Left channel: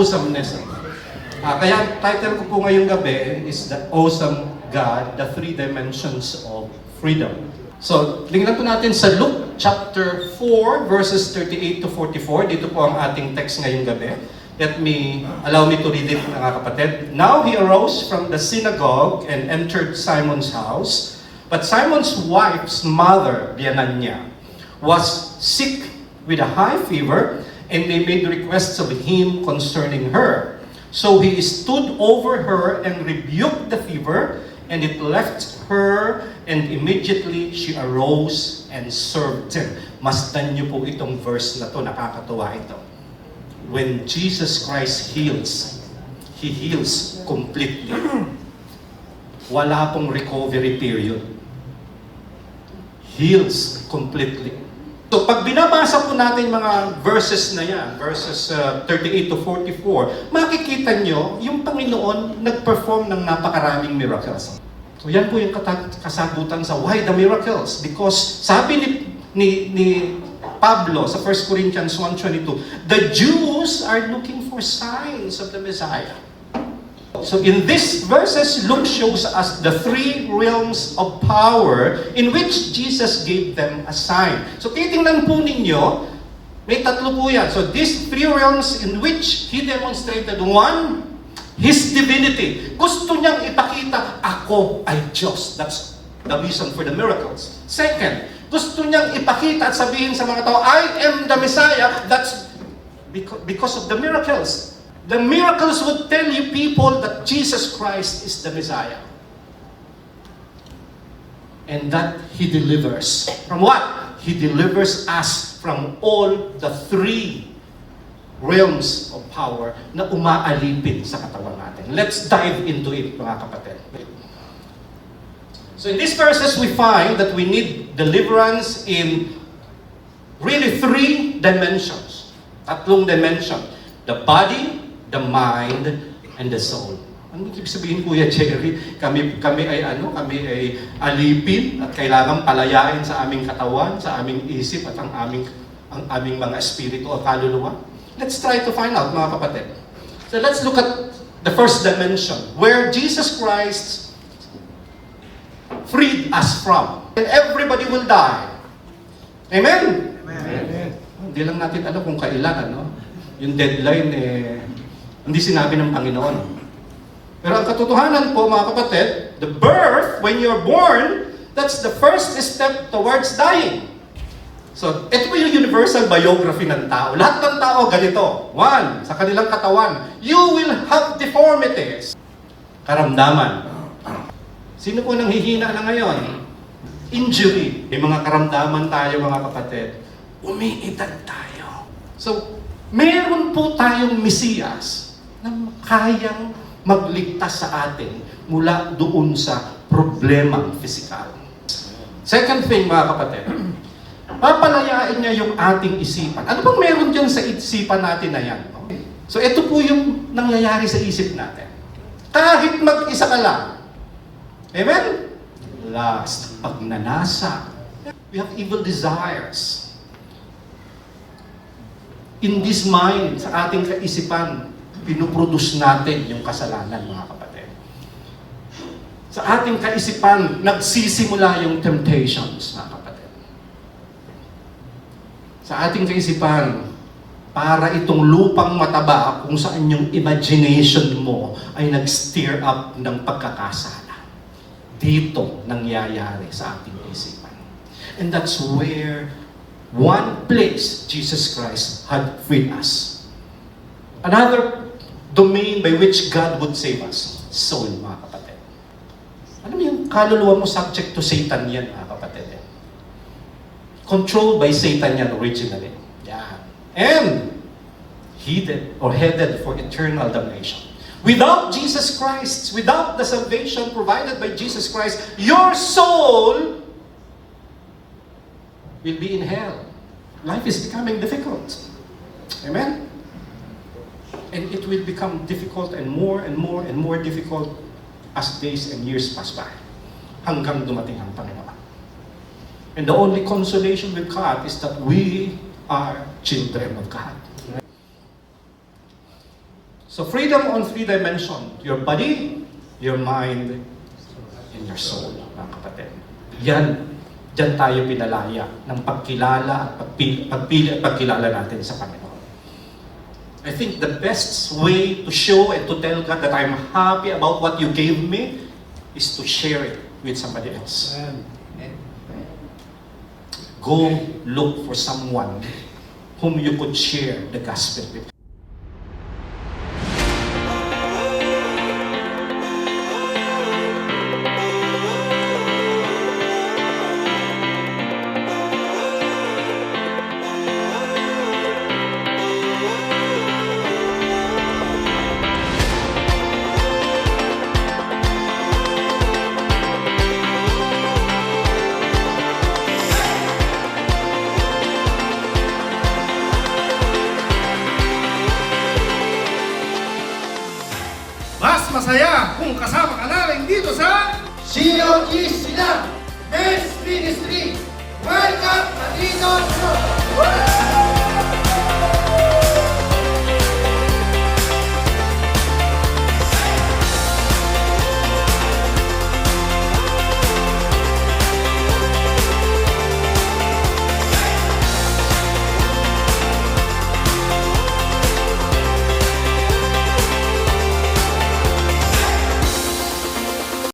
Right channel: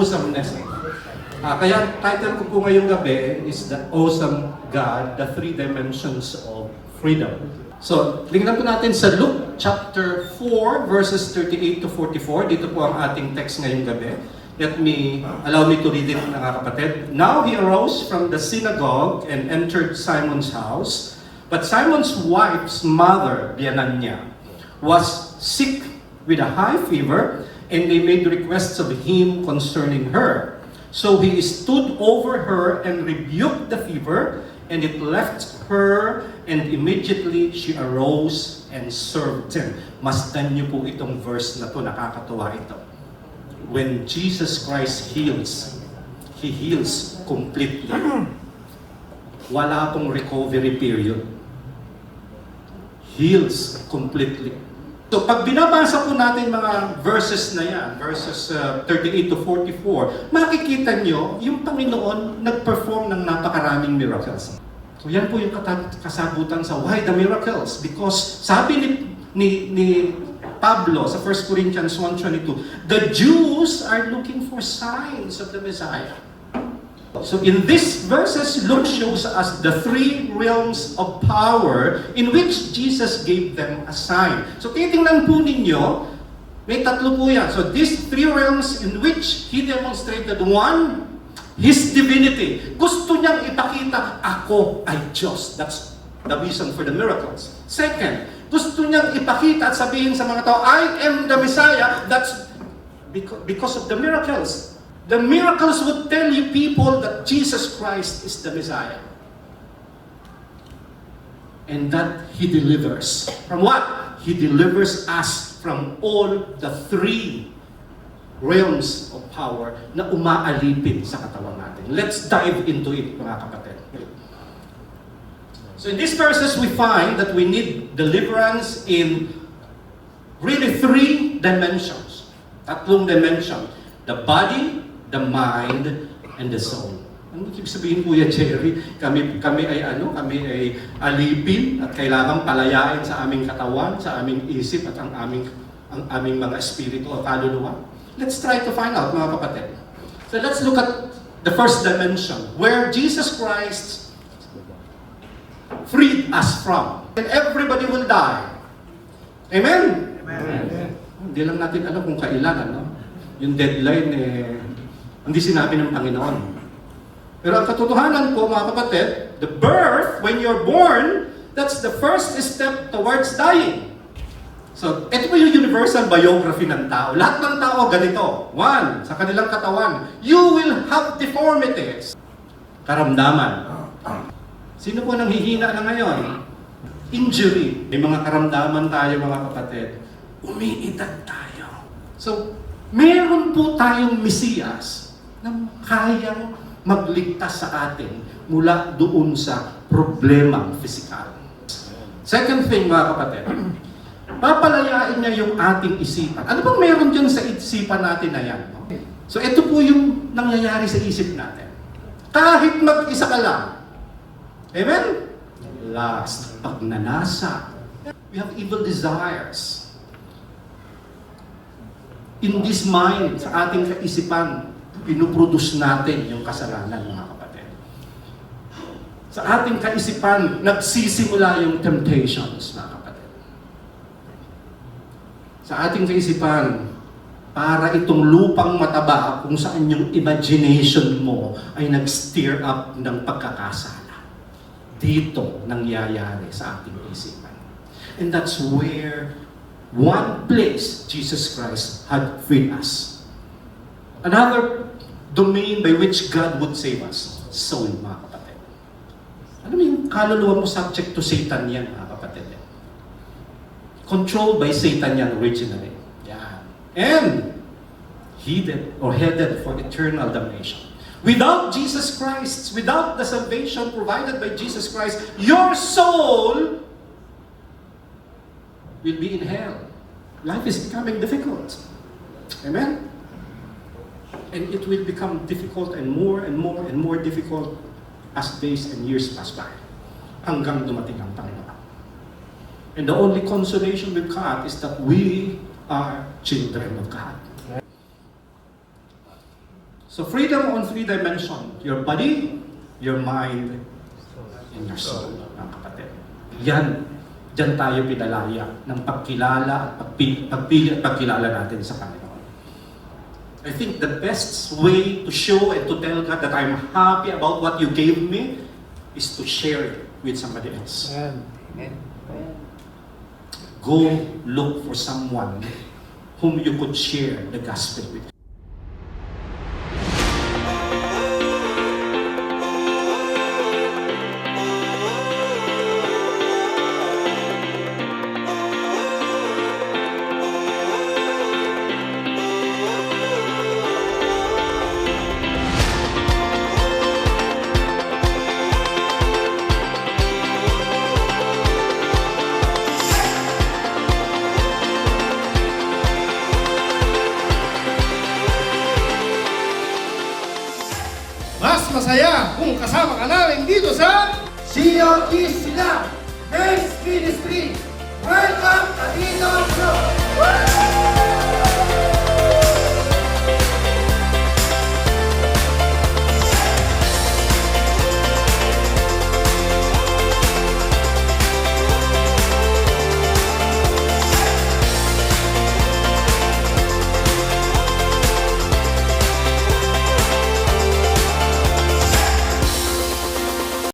awesomeness. Kaya title ko po ngayong gabi is The Awesome God, the Three Dimensions of Freedom. So, tingnan po natin sa Luke chapter 4, verses 38 to 44. Dito po ang ating text ngayong gabi. Allow me to read it, mga kapatid. Now he arose from the synagogue and entered Simon's house. But Simon's wife's mother, Diananya, was sick with a high fever, and they made requests of him concerning her. So he stood over her and rebuked the fever, and it left her, and immediately she arose and served him. Masdan niyo po itong verse na to, nakakatuwa ito. When Jesus Christ heals, He heals completely. Wala pong recovery period. Heals completely. So pag binabasa po natin mga verses na yan, verses 38 to 44, makikita nyo yung Panginoon nag-perform ng napakaraming miracles. So yan po yung kasagutan sa why the miracles. Because sabi ni Pablo sa 1 Corinthians 1:22, the Jews are looking for signs of the Messiah. So in these verses, Luke shows us the three realms of power in which Jesus gave them a sign. So titingnan po ninyo, may tatlo po yan. So these three realms in which He demonstrated, one, His divinity. Gusto niyang ipakita, ako ay Diyos. That's the reason for the miracles. Second, gusto niyang ipakita at sabihin sa mga tao, I am the Messiah. That's because of the miracles. The miracles would tell you people that Jesus Christ is the Messiah. And that He delivers. From what? He delivers us from all the three realms of power na umaalipin sa katawan natin. Let's dive into it, mga kapatid. So in these verses, we find that we need deliverance in really three dimensions. Tatlong dimension. The body, the mind, and the soul. Ano ibig sabihin, Kuya Jerry? Kami ay alipin at kailangan palayain sa aming katawan, sa aming isip at ang aming mga espiritu o kaluluwa. Let's try to find out, mga kapatid. So let's look at the first dimension, where Jesus Christ freed us from. And everybody will die. Amen? Amen. Hindi lang natin alam kung kailan, ano? Yung deadline, hindi sinabi ng Panginoon. Pero ang katotohanan po, mga kapatid, the birth, when you're born, that's the first step towards dying. So, ito po yung universal biography ng tao. Lahat ng tao ganito. One, sa kanilang katawan, you will have deformities. Karamdaman. Sino po nanghihina na ngayon? Injury. May mga karamdaman tayo, mga kapatid. Umiidad tayo. So, meron po tayong Mesiyas na kayang magligtas sa atin mula doon sa problemang pisikal. Second thing, mga kapatid, papalayain niya yung ating isipan. Ano bang meron dyan sa isipan natin na yan? Okay. So ito po yung nangyayari sa isip natin. Kahit mag-isa ka lang. Amen? Last, pagnanasa. We have evil desires. In this mind, sa ating kaisipan, pinuproduce natin yung kasalanan, mga kapatid. Sa ating kaisipan, nagsisimula yung temptations, mga kapatid. Sa ating kaisipan, para itong lupang mataba kung saan yung imagination mo ay nag-stir up ng pagkakasala. Dito nangyayari sa ating isipan. And that's where one place Jesus Christ had freed us. Another domain by which God would save us. Soul, mga kapatid. Ano yung kaluluwa mo subject to Satan yan, mga kapatid? Controlled by Satan yan originally. Yan. And headed for eternal damnation. Without Jesus Christ, without the salvation provided by Jesus Christ, your soul will be in hell. Life is becoming difficult. Amen? And it will become difficult and more and more and more difficult as days and years pass by. Hanggang dumating ang Panginoon. And the only consolation we've got is that we are children of God. So freedom on three dimensions. Your body, your mind, and your soul, mga kapatid. Yan. Diyan tayo pinalaya ng pagkilala at pagpili at pagkilala natin sa Panginoon. I think the best way to show and to tell God that I'm happy about what you gave me is to share it with somebody else. Go look for someone whom you could share the gospel with. Mas masaya kung kasama ka namin dito sa COG Sila Men's Ministry. Welcome